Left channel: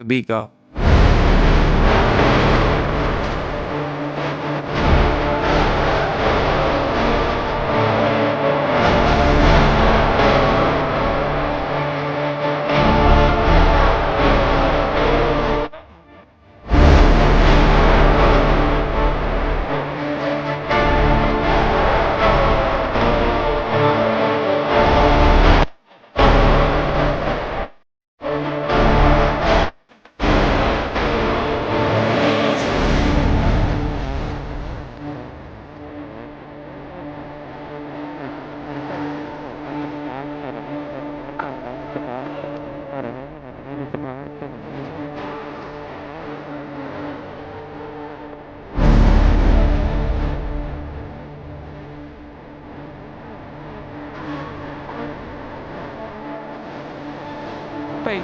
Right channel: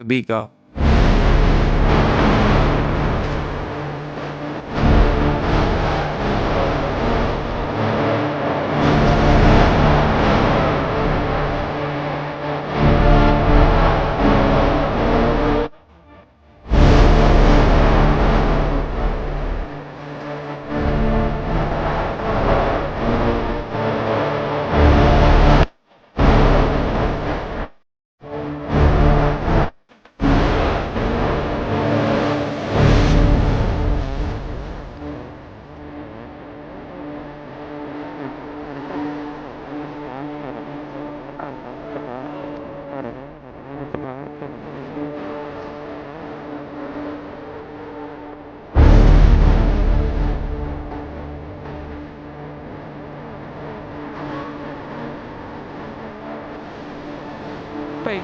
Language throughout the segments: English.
Vigo. Wait.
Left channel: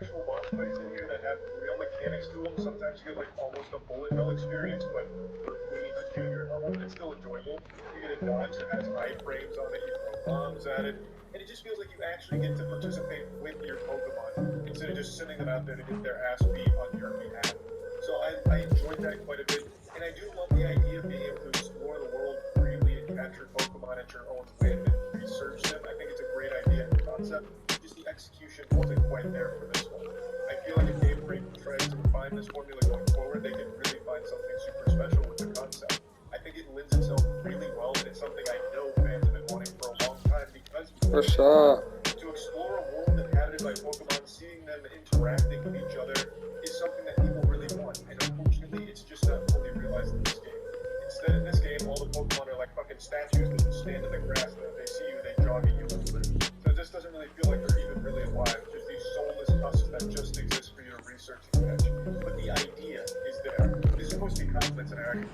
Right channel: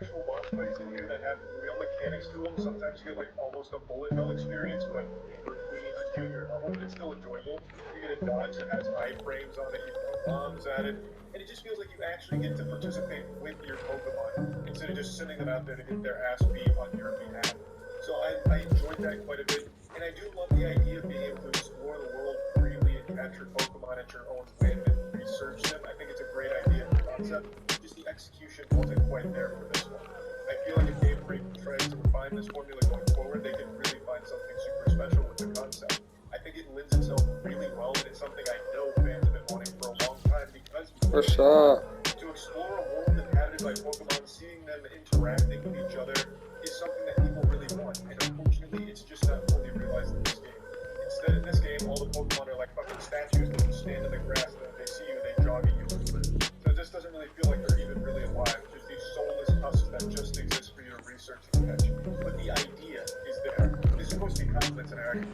actual boss fights in here that have real mechanics to them. Sometimes you get like almost a bullet hell experience, but for Queen's Junior level, but it's still enjoyable. You get a dodge that has iframes on it, you throw bombs at it, and it just feels like you actually get to participate with your Pokemon instead of just sending them out there to get their ass beat on your behalf. So I enjoyed that quite a bit, and I do love the idea of being able to explore the world freely and catch your Pokemon at your own whim and research them. I think it's a great idea and concept. Just the execution wasn't quite there for this one. I feel like if Game Freak tries to refine this formula going forward, they can really find something super special with the concept. I think it lends itself really well, and it's something I know fans have been wanting for a long time because For sure. to explore a world inhabited by Pokemon, seeing them interacting with each other is something that people really want, and unfortunately, it's just not fully realized in this game. Instead, in this game, all the Pokemon are like fucking statues that just stand in the grass, and if they see you, they jog at you and live. So it just doesn't really feel like they're even really alive, just these soulless husks that just exist for you to research and catch. But the idea is there. This is supposed to be confidence, and I actually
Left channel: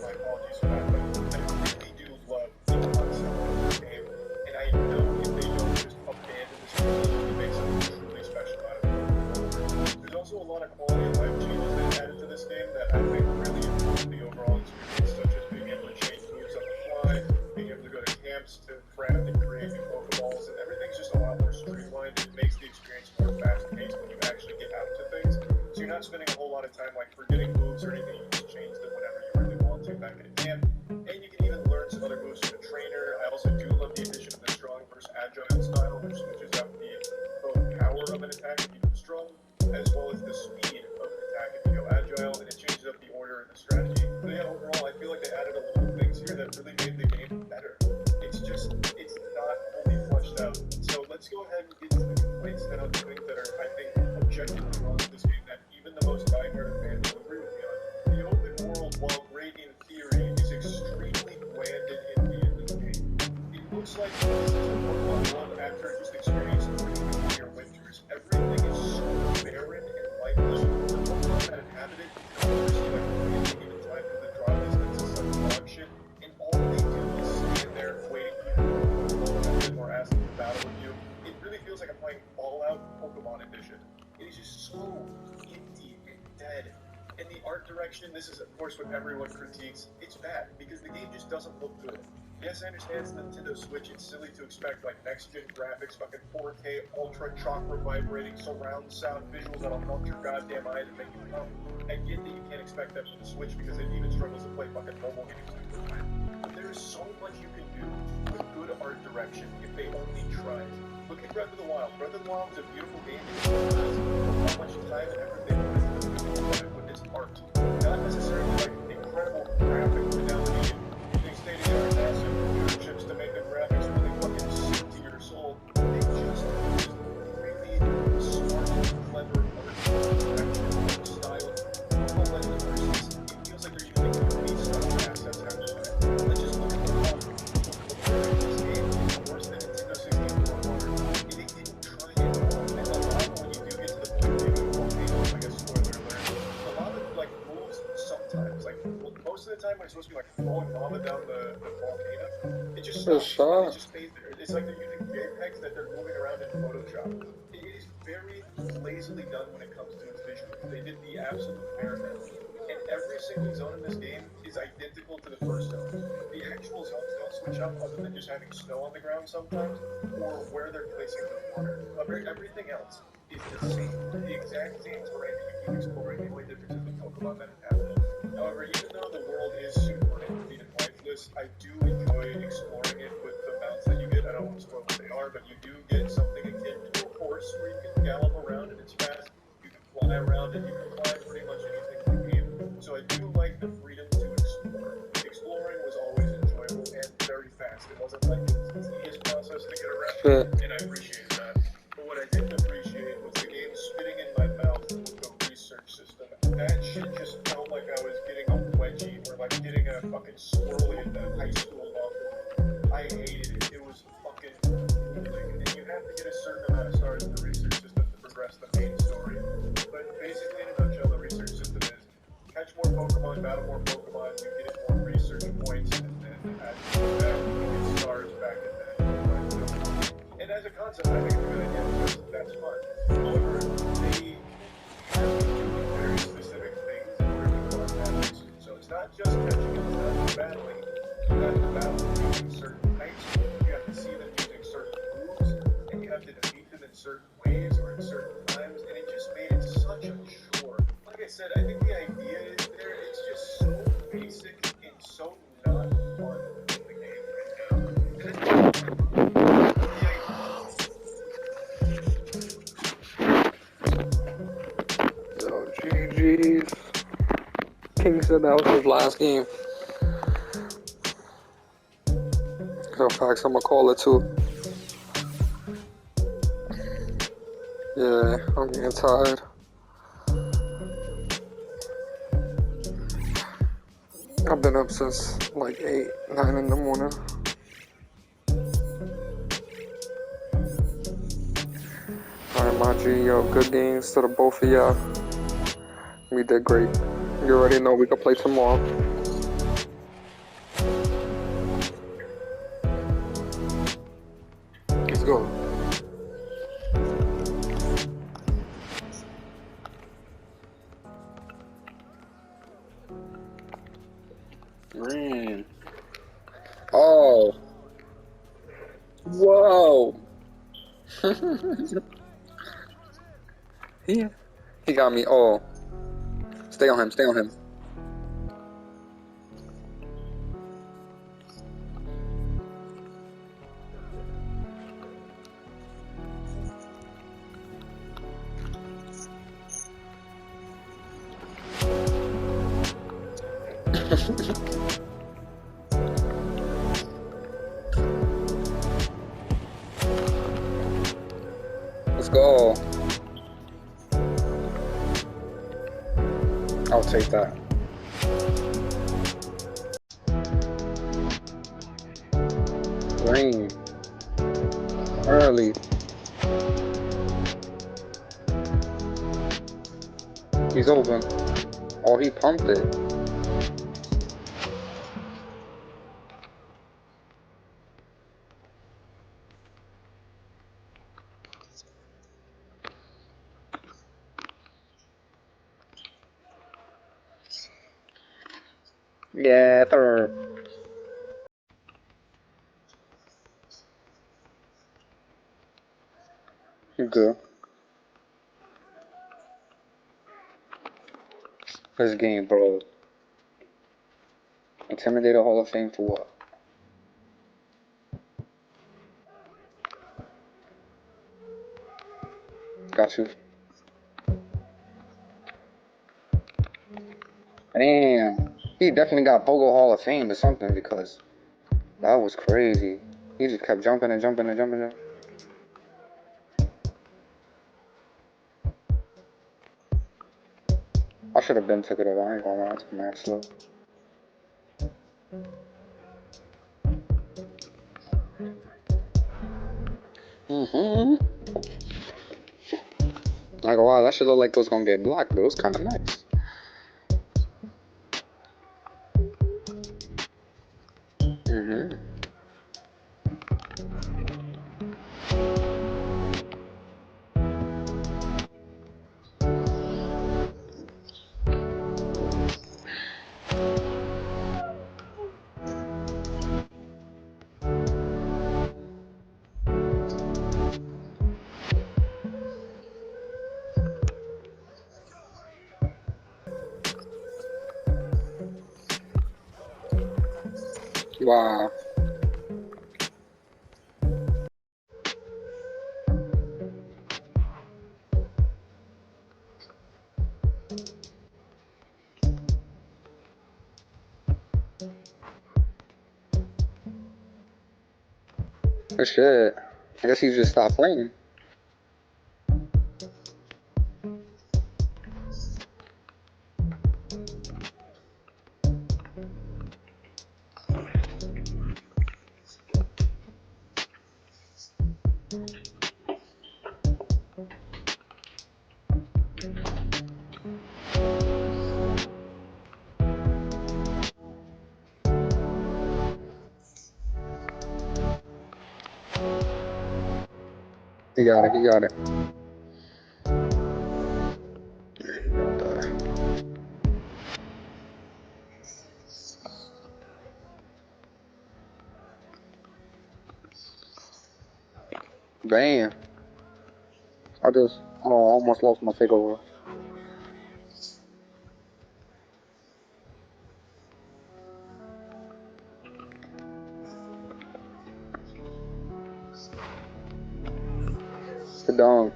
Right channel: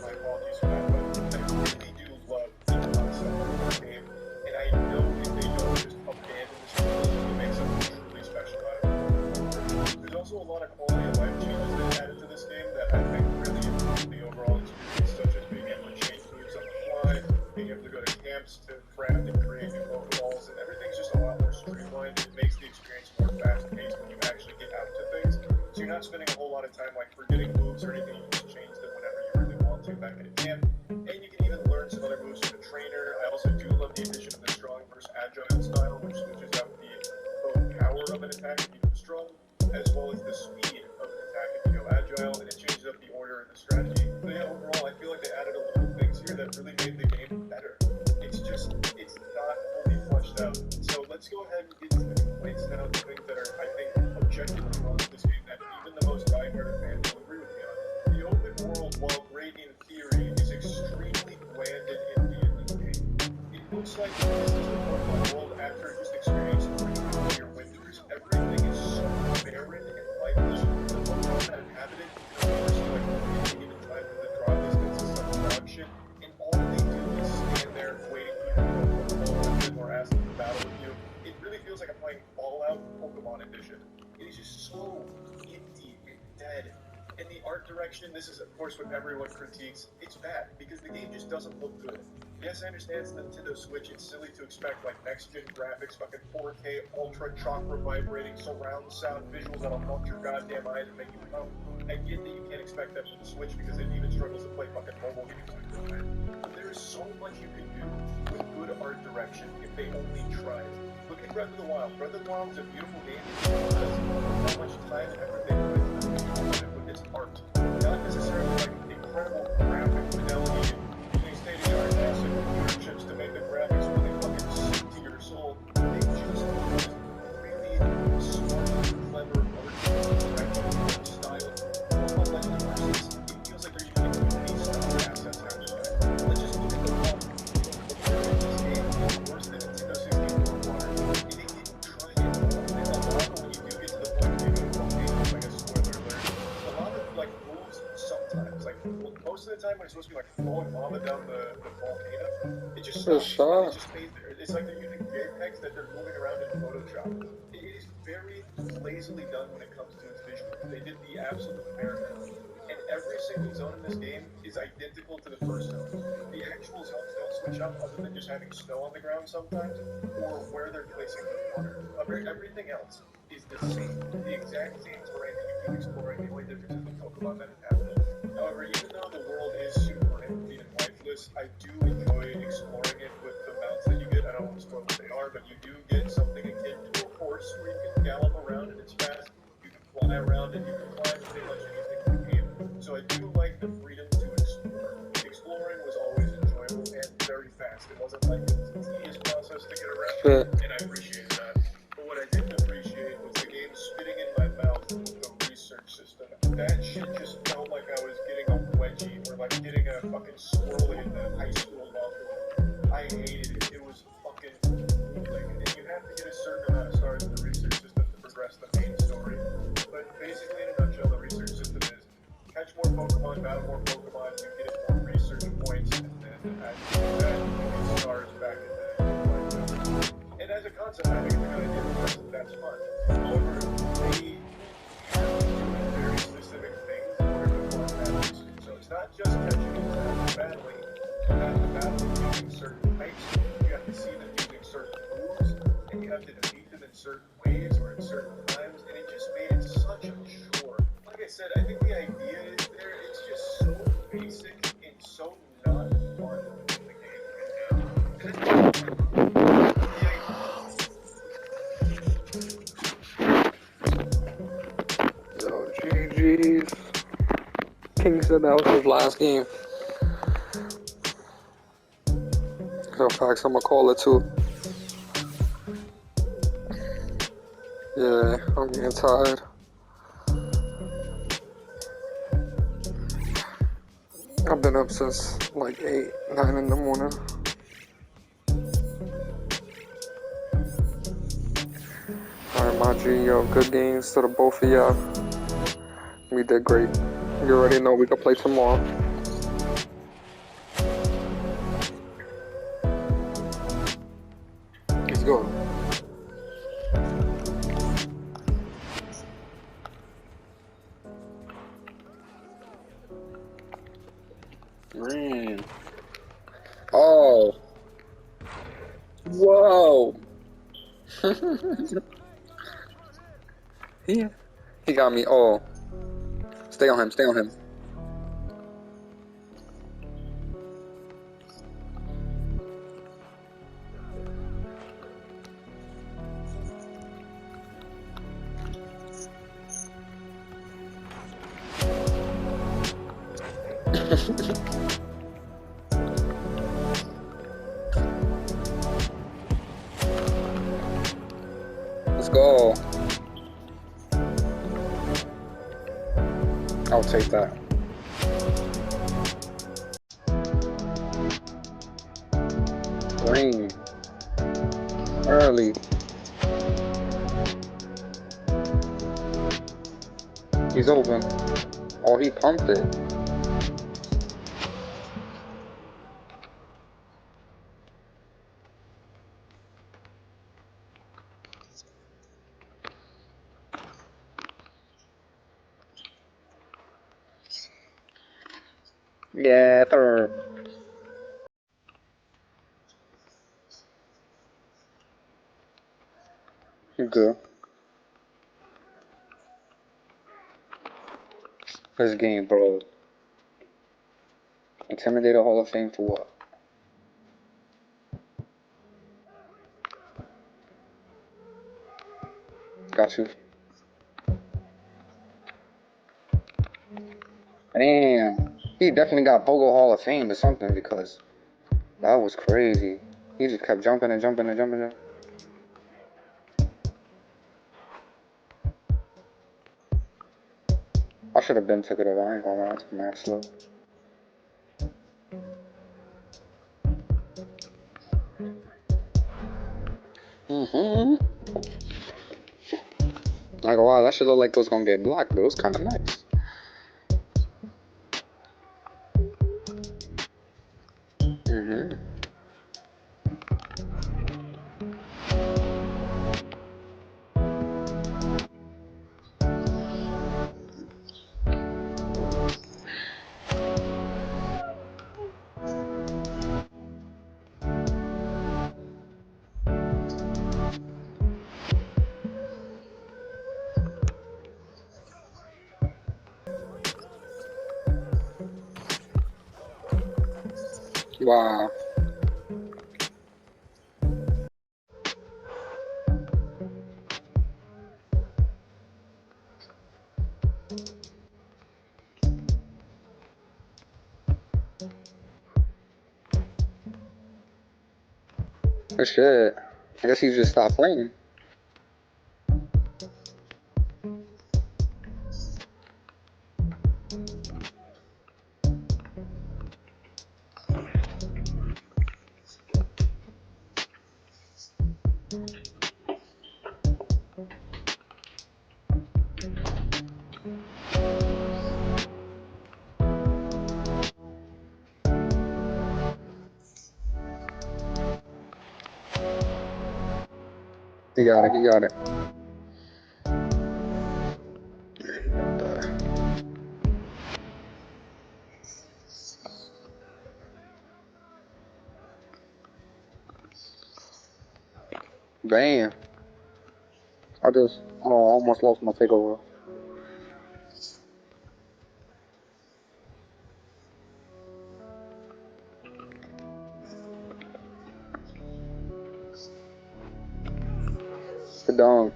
my apologies for that, but I really do love the concept of this game, and I know if they don't just abandon this world, it makes something truly special out of it. There's also a lot of quality of life changes that added to this game that I think really improve the overall experience, such as being able to change moves on the fly, being able to go to camps to craft and create new Pokeballs, and everything's just a lot more streamlined. It makes the experience more fast-paced when you actually get out to things. So you're not spending a whole lot of time like forgetting moves or anything. You can just change them whenever you really want to back at a camp. And you can even learn some other moves from the trainer. I also do love the addition of the strong versus agile style, which switches out the both power of an attack if you go strong, as well as the speed of an attack if you go agile, and it changes up the order and the strategy. So yeah, overall, I feel like they added a little things here that really made the game better. It's not fully fleshed out. So let's go ahead and get to the complaints now, the things that are, I think, objectively wrong with this game that even the most diehard fans will agree with me on. The open world, while great in theory, is extremely bland and empty in this game. It looks like this is the Pokemon world after just experiencing 3 nuclear winters. Everything is so barren and lifeless. The Pokemon that inhabit it, you don't ever see like breathing even time through the draw distance is such dog shit. And all they do is stand there waiting for you to throw a Pokeball at them or ask them to battle with you. It really feels like I'm playing Fallout Pokemon Edition. It is just so empty and dead. And the art direction, this is of course what everyone critiques, it's bad because the game just doesn't look good. Yes, I understand it's the Nintendo Switch, it's silly to expect like next-gen graphics, fucking 4K, ultra chakra vibrating, surround sound visuals that'll melt your goddamn eyes and make you come. I get that you can't expect that from the Switch because it even struggles to play fucking mobile games like this. But there is so much you can do with good art direction if they only tried. Look at Breath of the Wild. Breath of the Wild is a beautiful game because of how much time and effort they put into the visual of it with its art. Not necessarily like incredible graphic fidelity and using state-of-the-art NASA computer chips to make the graphics really fucking sink to your soul. They just used really smart, clever art direction, art style. Pokemon Legends Arceus, it feels like they're using Unity style assets half the time. Let's just look at the water. The water in this game is worse than Nintendo 64 water. They didn't try it at all. And the lava, when you do get to the point where you go to volcanoes, I guess spoiler alert, the lava like moves sometimes. Like most of the time when it's supposed to be like flowing lava down the volcano, it just For stops. sure. It just stays there. It's like they're using JPEGs that they're moving around in Photoshop. It is very lazily done when it comes to its visuals. They did the absolute bare minimum. And every single zone in this game is identical to the first zone. The actual zones don't switch up other than just having snow on the ground sometimes, or where they're placing the water. Everything else is the same. The exact same terrain that you keep exploring. The only difference is the Pokemon that inhabit it. However, even though the world is super empty and lifeless, I do enjoy exploring it with the mounts that you get. I don't want to spoil what they are, but you do get something akin to a horse where you can gallop around and it's fast. You can fly around and you can climb pretty much anything in the game. So I do like the freedom to explore. Exploring was always enjoyable and very fast. It wasn't like it was a tedious process to get around, Shit. and I appreciated that. But what I didn't appreciate was the game spitting in my mouth with the research system. That shit just felt like I was getting a wedgie or like getting a fucking swirly in the high school locker room. I hated it. It was fucking grueling. And you have to get a certain amount of stars in the research system to progress the main story. But basically, in a nutshell, the research system is catch more Pokemon, battle more Pokemon, you get more research points, and then as you do that, you get stars back in the life zone. And as a concept, I think it's a good idea. that's fun. However, they have you doing very specific things in order to farm that research. So it's not just catching it, it's not just battling. You have to battle them using certain types. You have to see them using certain moves, and you have to defeat them in certain ways or at certain times. And it just made it such a chore. Like I said, I think the idea is there. It's just so basic and so not fun in the game right now. Yo, GG's. King said that was his last game. So facts, I'm gonna call it too. Yeah, I'm getting tired. I've been up since like 8, 9 in the morning. Alright, my G, yo, good games to the both of y'all. We did great. You already know we can play tomorrow. Let's go. Man. Oh. Whoa. He got me. Oh. Stay on him. Stay on him. Let's go. I'll take that. Green. Early. He's open. Oh, he pumped it. Yeah, third. You good. This game, bro. Intimidator Hall of Fame for what? Got you. Damn. He definitely got Pogo Hall of Fame or something because that was crazy. He just kept jumping and jumping and jumping. I should have been took it over. I ain't gonna lie. I took mad slow. Like, wow, that shit look like it was gonna get blocked, but it was kind of nice. Wow. Good shit. I guess he just stopped playing. He got it. He got it. Damn. I just almost lost my takeover. Sit down.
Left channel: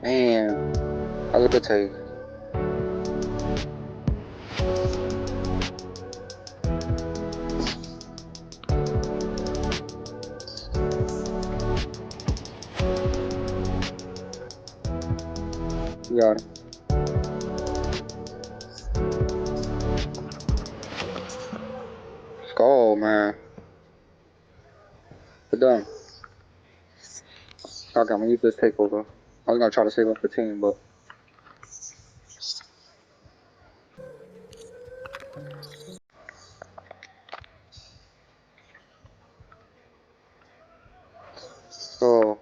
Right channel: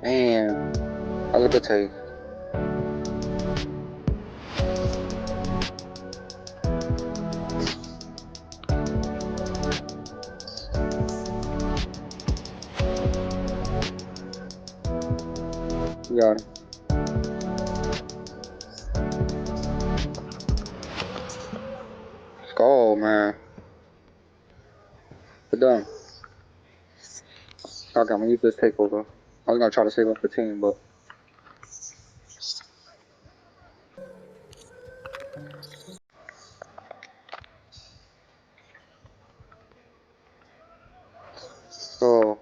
Man, I look at take. You got it. Let's go, man. Sit down. Okay, I'm gonna use this takeover. I was gonna try to save up the team, but so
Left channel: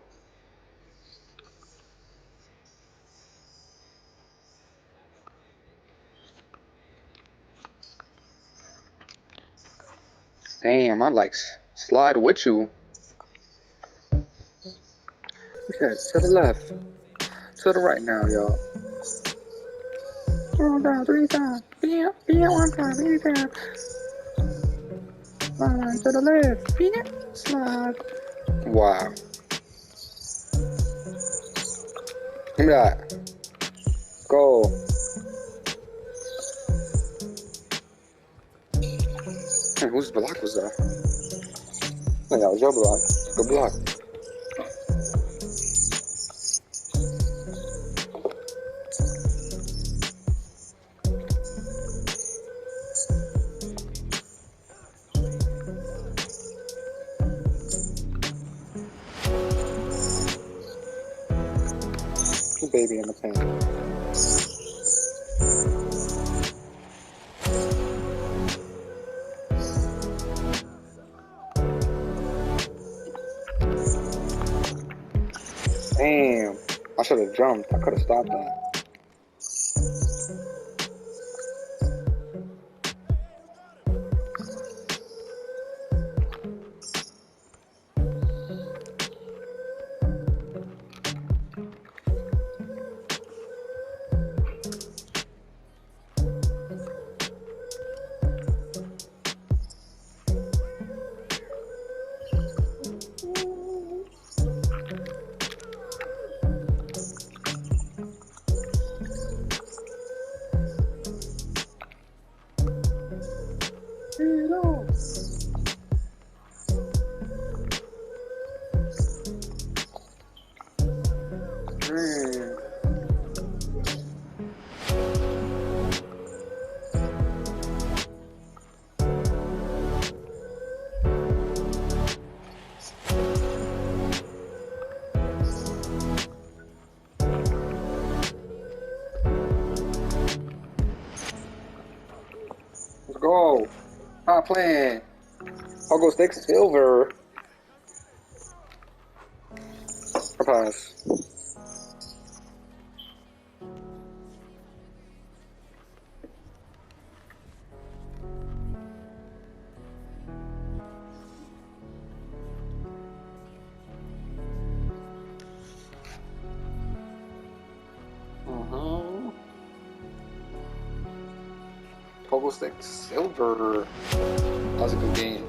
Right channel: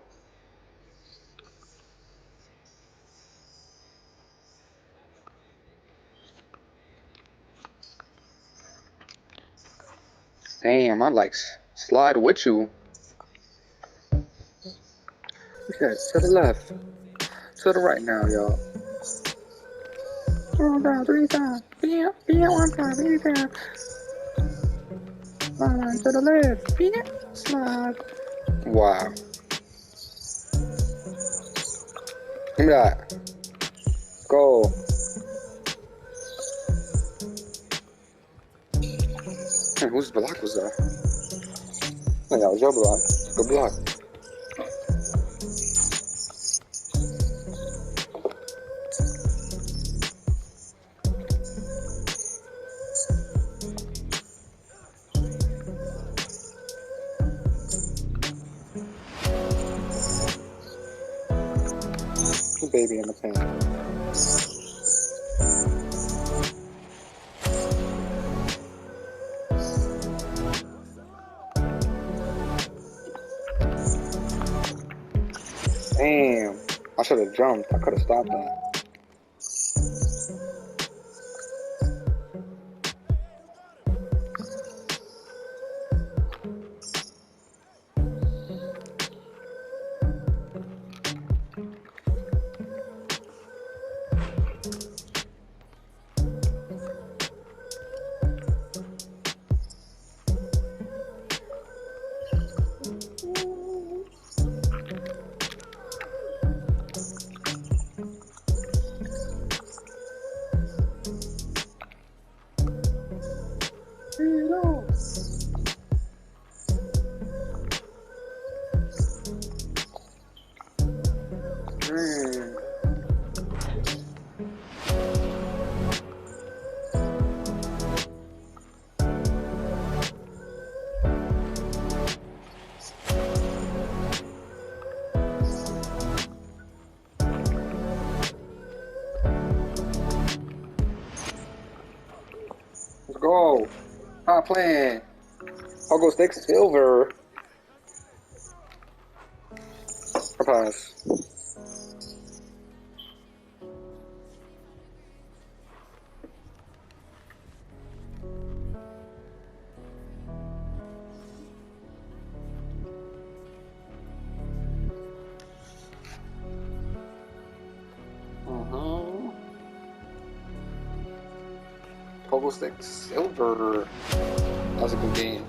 damn, I like slide with you. Okay, to the left, to the right now, y'all. 1 time, 3 times, yeah, 1 time, 3 times. Slide to the left, yeah, slide. Wow. Give me that. Go. Man, whose block was that? Oh, that was your block. Good block. The baby in the pan. Damn, I should have jumped. I could have stopped that. Let's go. Not playing. Pogo Sticks silver. I pass. Pogo Sticks silver. That was a good game.